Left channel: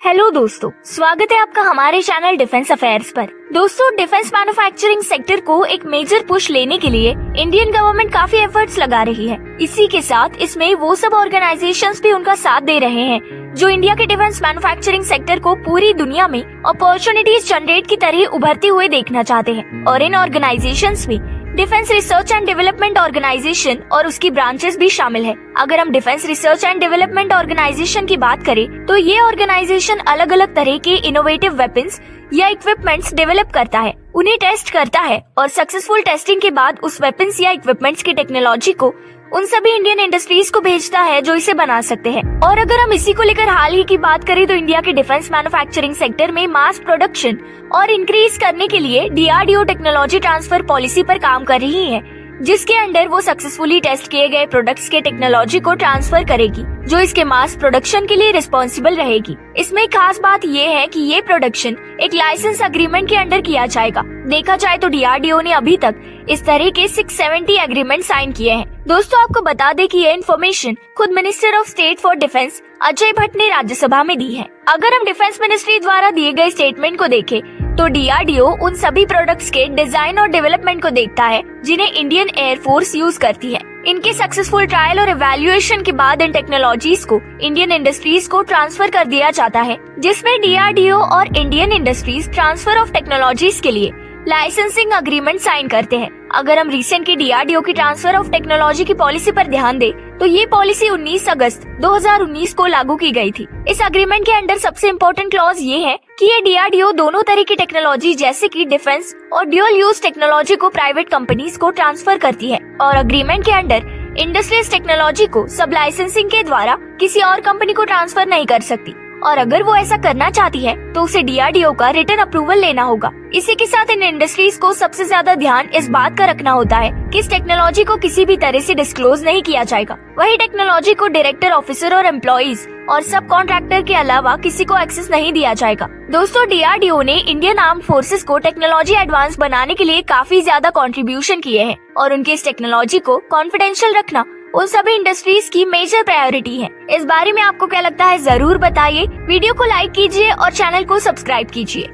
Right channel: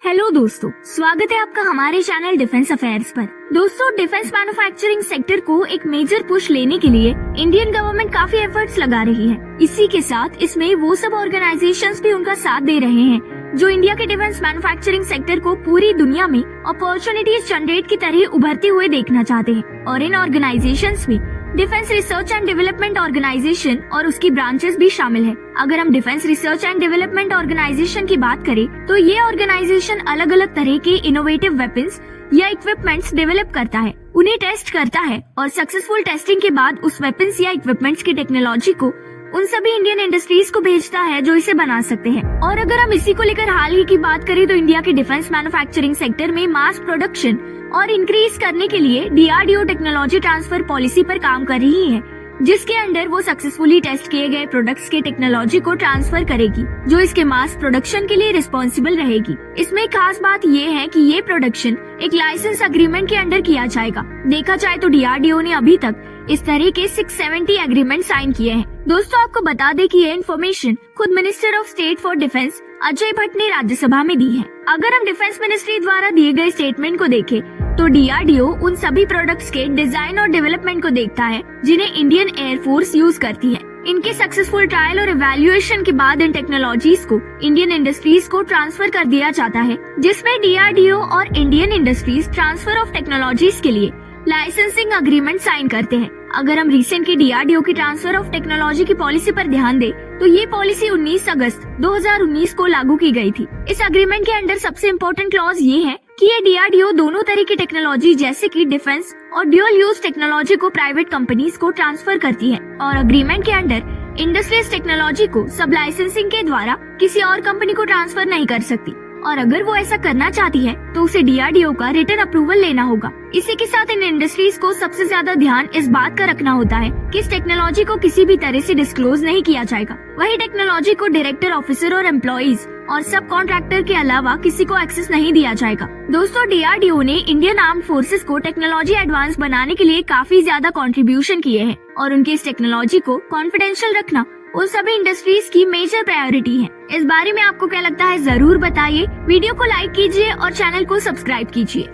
Hello दोस्तों, स्वागत है आपका हमारे चैनल डिफेंस अफेयर्स पर। दोस्तों, डिफेंस मैन्युफैक्चरिंग सेक्टर को एक मेजर पुश लेने के लिए इंडियन गवर्नमेंट काफी एफर्ट्स लगा रही है। इसी के साथ इसमें वो सब ऑर्गेनाइजेशंस भी उनका साथ दे रहे हैं जो इंडिया के डिफेंस मैन्युफैक्चरिंग सेक्टर को पूरी दुनिया में अपॉर्चुनिटीज जनरेट की तरह उभरते हुए देखना चाहते हैं। और इन ऑर्गेनाइजेशंस में defence research and development organisation और उसकी ब्रांचेस भी शामिल है। अगर हम defence research and development organisation की बात करें तो ये ऑर्गेनाइजेशन अलग अलग तरह के इनोवेटिव वेपन्स या इक्विपमेंट्स डेवलप करता है, उन्हें टेस्ट करता है और सक्सेसफुल टेस्टिंग के बाद उस वेपन्स या इक्विपमेंट्स की टेक्नोलॉजी को उन सभी इंडियन इंडस्ट्रीज को भेजता है जो इसे बना सकते हैं। और अगर हम इसी को लेकर हाल ही की बात करें तो इंडिया के डिफेंस मैन्युफैक्चरिंग सेक्टर में मास प्रोडक्शन और इंक्रीज करने के लिए डीआरडीओ टेक्नोलॉजी ट्रांसफर पॉलिसी पर काम कर रही है, जिसके अंडर वो सक्सेसफुली टेस्ट किए गए प्रोडक्ट्स के टेक्नोलॉजी को ट्रांसफर करेगी जो इसके मास प्रोडक्शन के लिए रिस्पॉन्सिबल रहेगी। इसमें खास बात ये है कि ये प्रोडक्शन एक लाइसेंस एग्रीमेंट के अंडर किया जाएगा। देखा जाए तो डीआरडीओ ने अभी तक इस तरह के 670 एग्रीमेंट साइन किए हैं। दोस्तों, आपको बता दें कि ये इन्फॉर्मेशन खुद minister of state for defence Ajay Bhatt ने राज्यसभा में दी है। अगर हम डिफेंस मिनिस्ट्री द्वारा दिए गए स्टेटमेंट को देखें तो डीआरडीओ उन सभी प्रोडक्ट्स के डिजाइन और डेवलपमेंट को देखता है जिन्हें इंडियन एयरफोर्स यूज करती है। इनके सक्सेसफुल ट्रायल और इवैल्यूएशन के बाद इन टेक्नोलॉजीज को इंडियन इंडस्ट्रीज को ट्रांसफर कर दिया जाता है, जिसमें डीआरडीओ और Indian industries transfer of technologies के लिए लाइसेंसिंग अग्रीमेंट साइन करते हैं। अगर हम रिसेंट की डीआरडीओ की ट्रांसफर ऑफ टेक्नोलॉजी की पॉलिसी पर ध्यान दें तो ये पॉलिसी 19 अगस्त 2019 को लागू की गई थी। इस अग्रीमेंट के अंडर सबसे इम्पोर्टेंट क्लॉज ये है कि ये डीआरडीओ दोनों तरह की टेक्नोलॉजी जैसे कि डिफेंस और ड्यूल यूज टेक्नोलॉजी को प्राइवेट कंपनीज को ट्रांसफर करती है और अग्रीमेंट के अंडर इंडस्ट्रियल टेक्नोलॉजी को सब लाइसेंसिंग के द्वारा किसी और कंपनी को ट्रांसफर नहीं कर सकती। और अगर वो ऐसा करना चाहती है तो उसे डीआरडीओ का रिटन अप्रूवल लेना होगा। इसी के साथ इन इंडस्ट्रीज को सबसे ज्यादा ध्यान इस बात का रखना होता है कि इस टेक्नोलॉजी को किसी भी तरह से डिस्क्लोज नहीं किया जाएगा। वही टेक्नोलॉजी को डायरेक्टर, ऑफिसर और एम्प्लॉइज और सब कॉन्ट्रैक्टर के अलावा किसी को एक्सेस नहीं दिया जाएगा। दोस्तों, डीआरडीओ ने इंडियन आर्म फोर्सेस को टेक्नोलॉजी एडवांस बनाने के लिए काफी ज्यादा कंट्रीब्यूशन किए हैं और उनके इस टेक्नोलॉजी को कॉन्फिडेंशियल रखना उन सभी इंडस्ट्रीज की मेजर प्रायोरिटी है। इस बारे में आपको क्या लगता है, जरूर बताइए। वीडियो को लाइक कीजिए और चैनल को सब्सक्राइब कीजिए।